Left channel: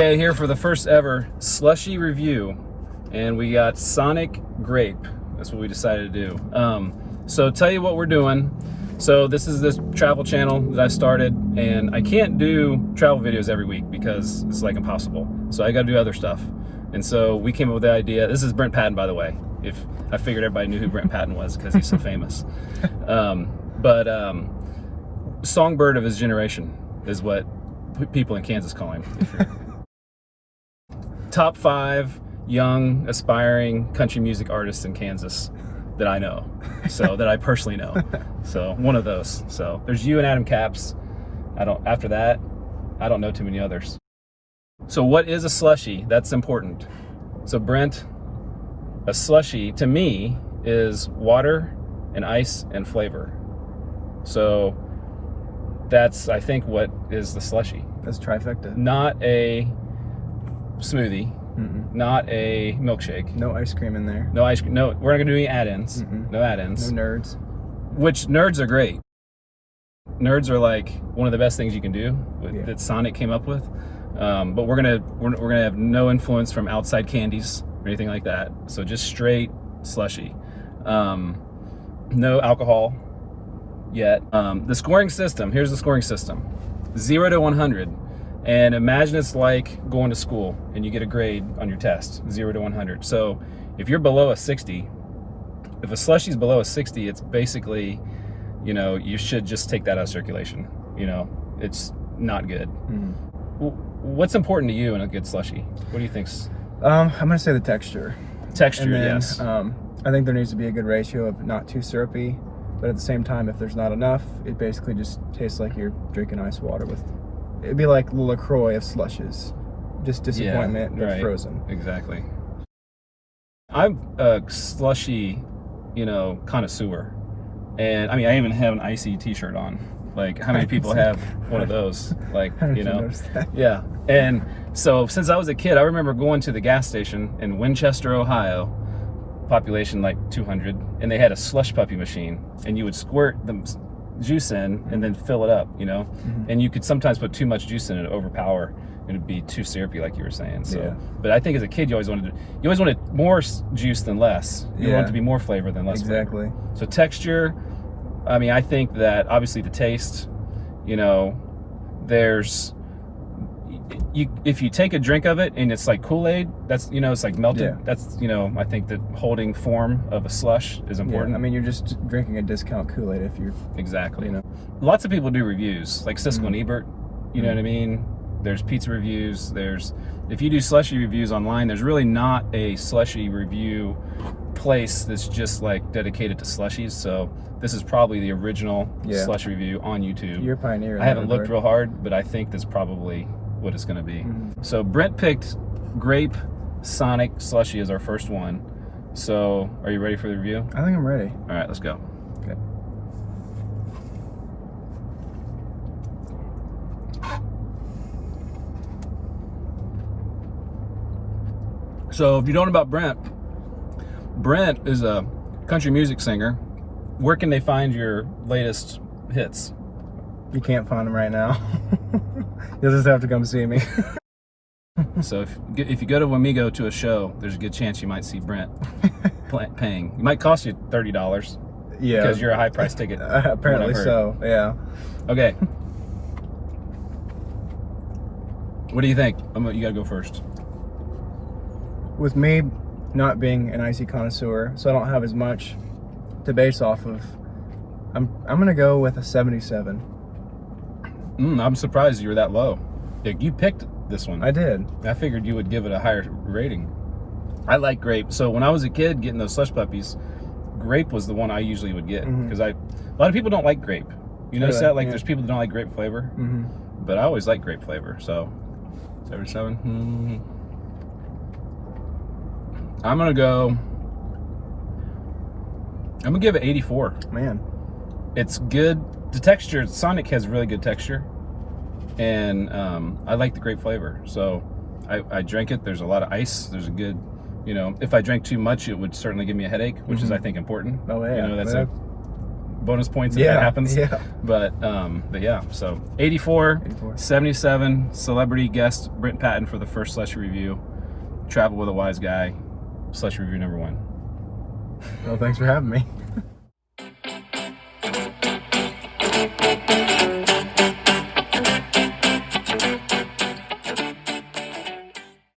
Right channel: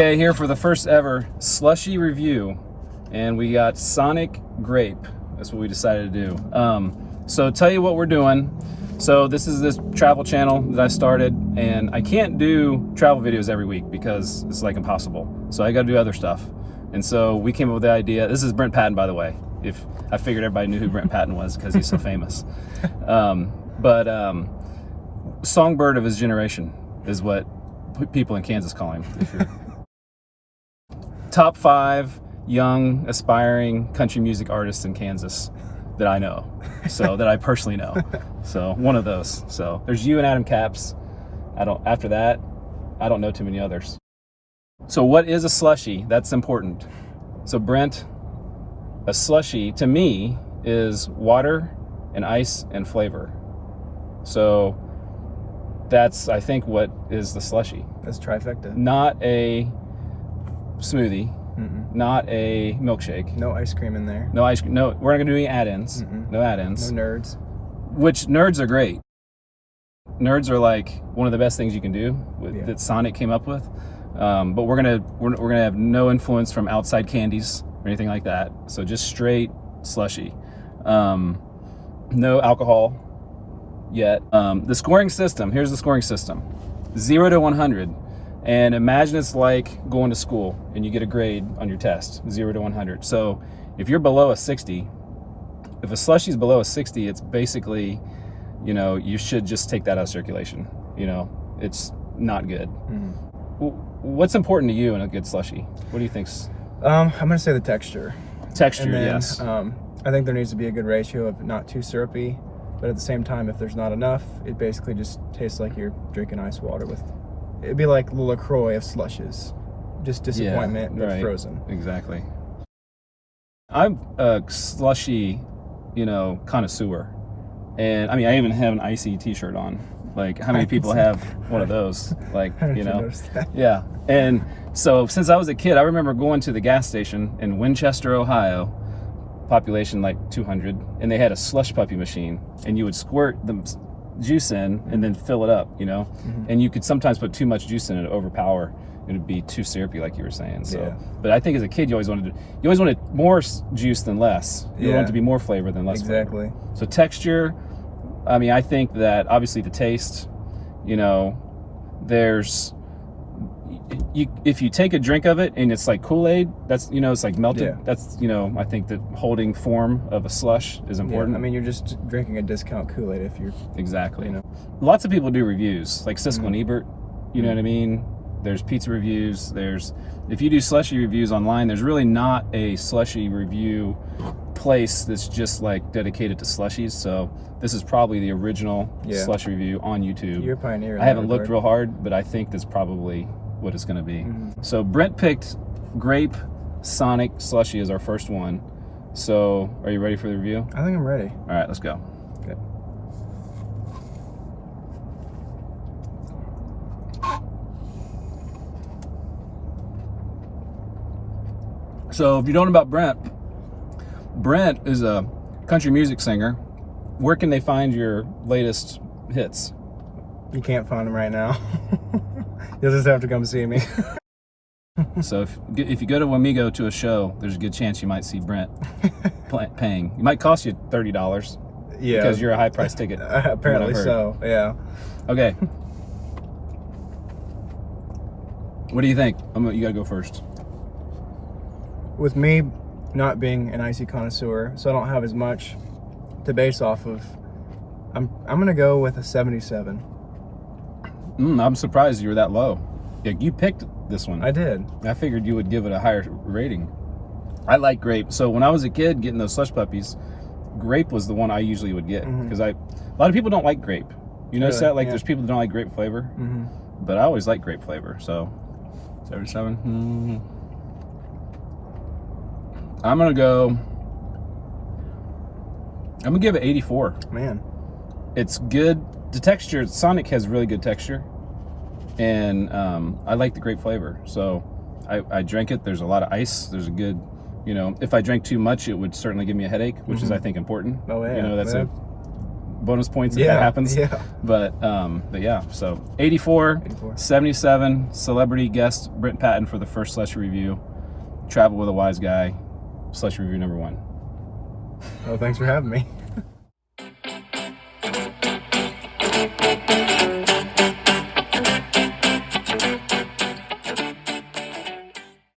Okay, here for the first ever slushy review, and we got Sonic Grape. That's what we decided to do. So tell you what we're doing. So this is this travel channel that I started, and I can't do travel videos every week because it's like impossible. So I got to do other stuff. And so we came up with the idea. This is Brent Patton, by the way. If I figured everybody knew who Brent Patton was because he's so famous. Songbird of his generation is what people in Kansas call him. Top 5 young, aspiring country music artists in Kansas that I know, so that I personally know. So one of those. So there's you and Adam Capps. After that, I don't know too many others. So what is a slushie? That's important. So Brent, a slushie to me is water and ice and flavor. So that's, I think, what is the slushie. That's trifecta. Not a smoothie. Mm-mm. Not a milkshake. No ice cream in there. No ice cream. No, we're not gonna do any add-ins. Mm-mm. No add-ins. No nerds. Which nerds are great. Nerds are like one of the best things you can do that Sonic came up with. But we're gonna have no influence from outside candies or anything like that. So just straight slushy. No alcohol yet. The scoring system. Here's the scoring system: 0 to 100. And imagine it's like going to school and you get a grade on your test, 0 to 100. So if you're below a 60, if a slushie is below a 60, it's basically, you should just take that out of circulation. It's not good. Mm-hmm. What's important to you in a good slushie? What do you think's? I'm gonna say the texture. Texture, and then, yes. I think there needs to be a good ratio of not too syrupy, but at the same time, if there's not enough, it basically just tastes like you're drinking ice water with. It'd be like LaCroix of slushes, just disappointment, but right. Frozen. Exactly. I'm a slushy, connoisseur, and I mean, I even have an ICEE T-shirt on. Like, how many people have one of those? Like, yeah. And so, since I was a kid, I remember going to the gas station in Winchester, Ohio, population like 200, and they had a slush puppy machine, and you would squirt the juice in and then fill it up, mm-hmm. And you could sometimes put too much juice in it, overpower, and it'd be too syrupy, like you were saying. So, yeah. But I think as a kid, you always wanted more juice than less. You wanted to be more flavor than less. Exactly. Flavor. So texture, I mean, I think that obviously the taste, there's. If you take a drink of it and it's like Kool-Aid, that's it's like melted. Yeah. That's I think that holding form of a slush is important. Yeah, I mean, you're just drinking a discount Kool-Aid if you're exactly. Lots of people do reviews like Siskel and Ebert. You know what I mean? There's pizza reviews. If you do slushy reviews online, there's really not a slushy review place that's just like dedicated to slushies. So this is probably the original slush review on YouTube. You're a pioneer. I haven't looked real hard, but I think that's probably what it's going to be. Mm-hmm. So Brent picked Grape Sonic Slushie as our first one. So are you ready for the review? I think I'm ready. All right, let's go. Okay. So if you don't know about Brent is a country music singer. Where can they find your latest hits? You can't find them right now. You'll just have to come see me. So if you go to Wamigo to a show, there's a good chance you might see Brent paying. It might cost you $30. Yeah. Because you're a high price ticket. Apparently so, yeah. Okay. What do you think? You gotta go first. With me not being an ICEE connoisseur, so I don't have as much to base off of, I'm gonna go with a 77. I'm surprised you were that low. You picked this one. I did. I figured you would give it a higher rating. I like Grape. So when I was a kid getting those slush puppies, Grape was the one I usually would get because a lot of people don't like Grape. You notice that? Like there's people that don't like grape flavor, but I always like grape flavor. So 77. I'm gonna give it 84. Man, it's good. The texture, Sonic has really good texture, and I like the grape flavor. So I drank it. There's a lot of ice. There's a good, if I drank too much, it would certainly give me a headache, which is I think important. Oh yeah, that's a bonus points if that happens. Yeah. But yeah, so 84, 77, celebrity guest Brent Patton for the first Slushie review. Travel with a Wiseguy, Slushie review number 1. Well, thanks for having me.